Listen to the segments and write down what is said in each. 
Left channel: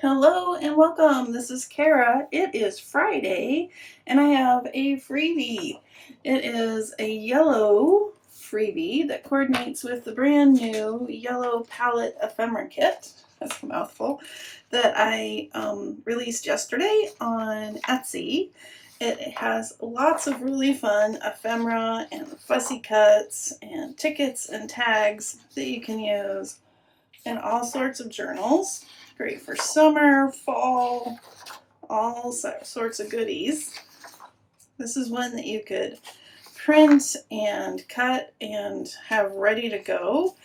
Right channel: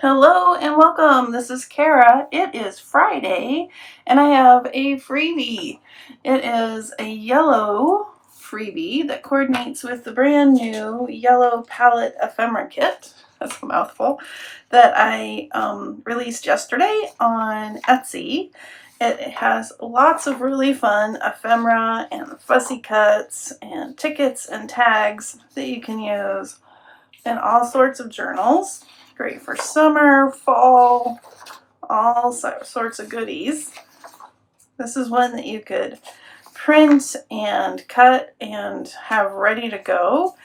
Hello and welcome. This is Cara. It is Friday and I have a freebie. It is a yellow freebie that coordinates with the brand new yellow palette ephemera kit. That's a mouthful. That I released yesterday on Etsy. It has lots of really fun ephemera and fussy cuts and tickets and tags that you can use in all sorts of journals. Great for summer, fall, all sorts of goodies. This is one that you could print and cut and have ready to go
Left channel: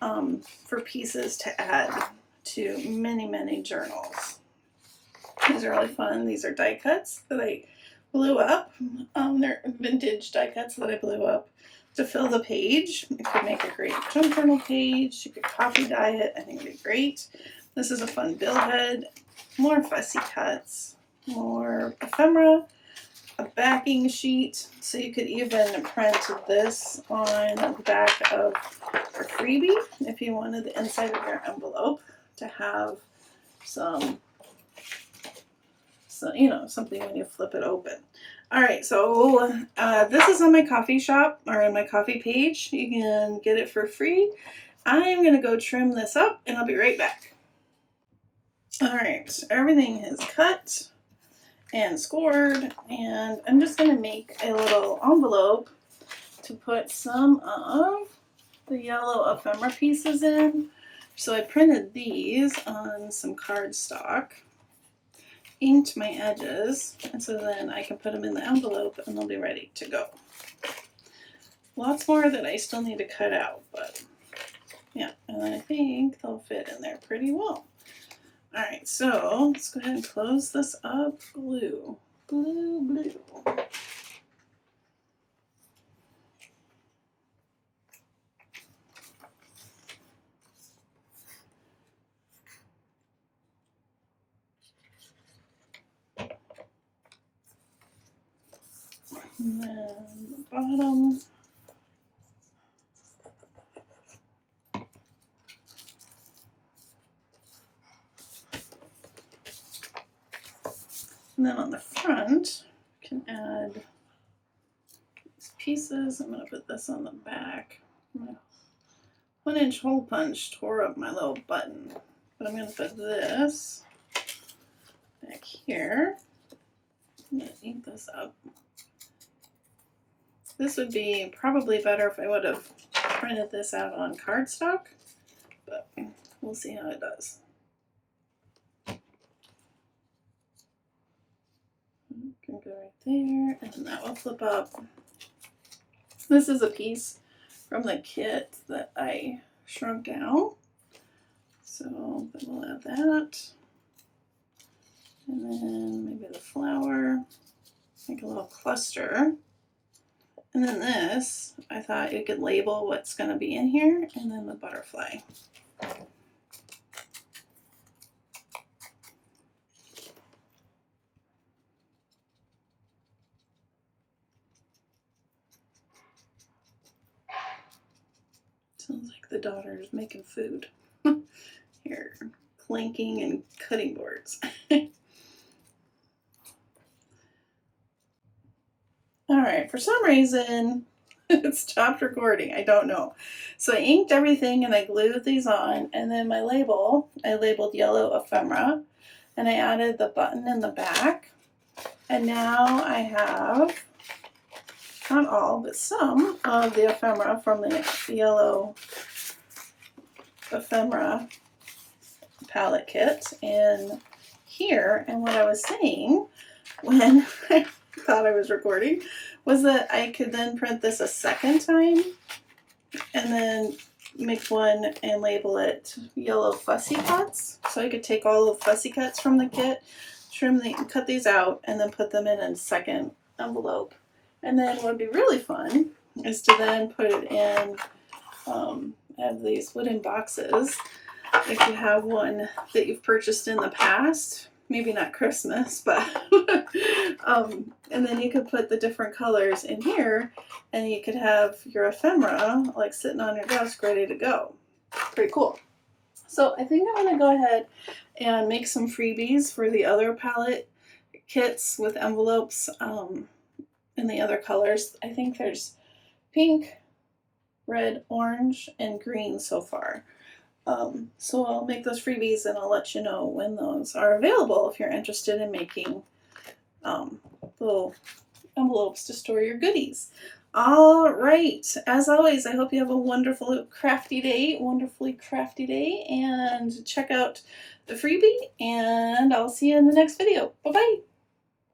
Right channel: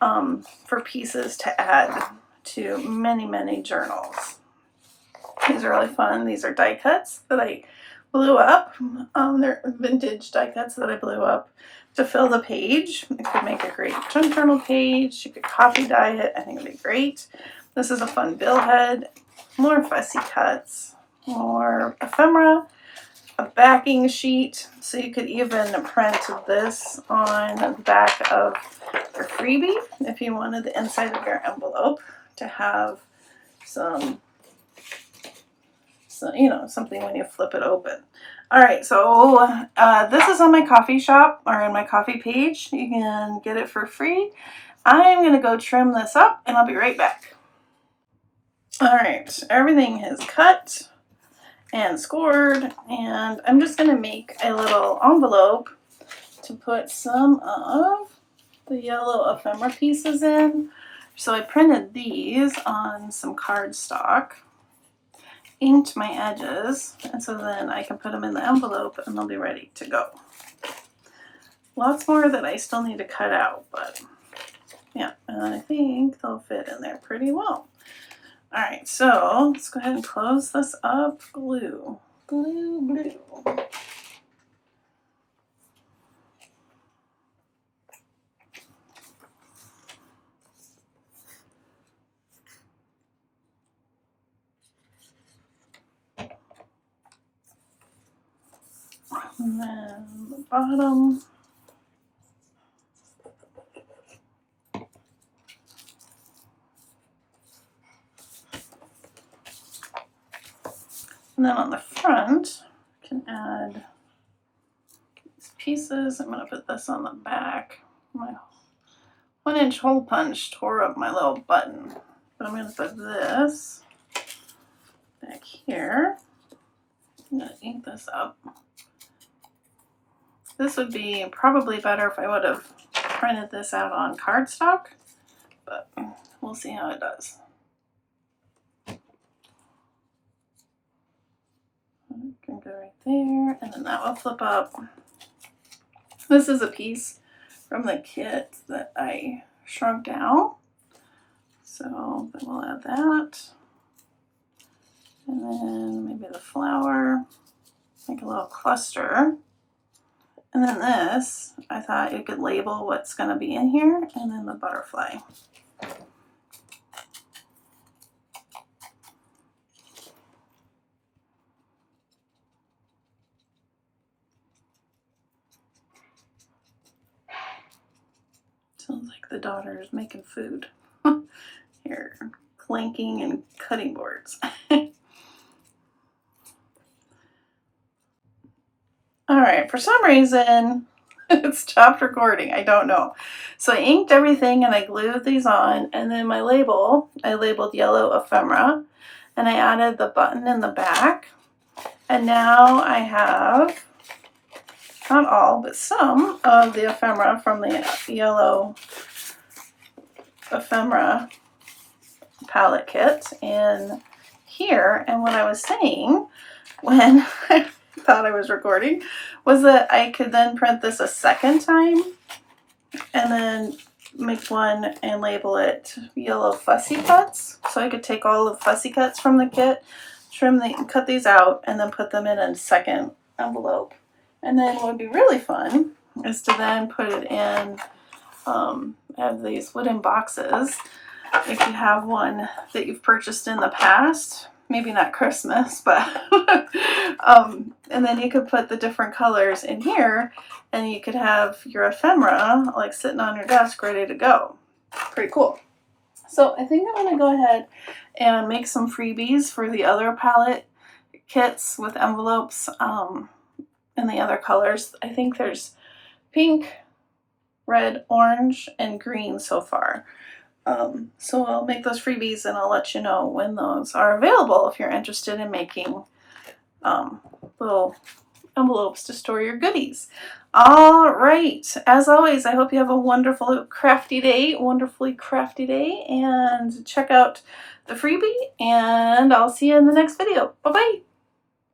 for pieces to add to many journals. These are really fun. These are die cuts that I blew up. They're vintage die cuts that I blew up to fill the page. It could make a great junk journal page. You could copy dye it. I think it'd be great. This is a fun bill head. More fussy cuts. More ephemera. A backing sheet. So you could even print this on the back of your freebie if you wanted the inside of your envelope to have some, something when you flip it open. All right, so this is on my coffee shop or in my coffee page. You can get it for free. I'm gonna go trim this up and I'll be right back. All right, everything is cut and scored, and I'm just gonna make a little envelope to put some of the yellow ephemera pieces in. So I printed these on some cardstock, inked my edges, and so then I can put them in the envelope and they'll be ready to go. Lots more that I still need to cut out, but yeah, and I think they'll fit in there pretty well. All right, so let's go ahead and close this up. Glue. And then the bottom. And then on the front, you can add these pieces. I'm going to put this on the back. My 1-inch hole punch tore up my little button, but I'm going to put this back here. I'm going to ink this up. This would be probably better if I would have printed this out on cardstock, but we'll see how it does. Can go right there, and then that will flip up. This is a piece from the kit that I shrunk down, so then we'll add that, and then maybe the flower, make a little cluster, and then this, I thought you could label what's going to be in here, and then the butterfly. Sounds like the daughter's making food. Here, clanking and cutting boards. All right, for some reason, it's stopped recording. I don't know. So I inked everything and I glued these on, and then my label, I labeled yellow ephemera, and I added the button in the back. And now I have, not all, but some of the ephemera from the yellow ephemera palette kit in here. And what I was saying when I thought I was recording was that I could then print this a second time and then make one and label it yellow fussy cuts. So I could take all the fussy cuts from the kit, cut these out, and then put them in a second envelope. And then what would be really fun is to then put it in, have these wooden boxes. If you have one that you've purchased in the past, maybe not Christmas, but and then you could put the different colors in here, and you could have your ephemera like sitting on your desk ready to go. Pretty cool. So I think I'm going to go ahead and make some freebies for the other palette kits with envelopes in the other colors. I think there's pink, red, orange, and green so far. So I'll make those freebies and I'll let you know when those are available if you're interested in making little envelopes to store your goodies. All right, as always, I hope you have a wonderfully crafty day, and check out the freebie, and I'll see you in the next video. Bye-bye.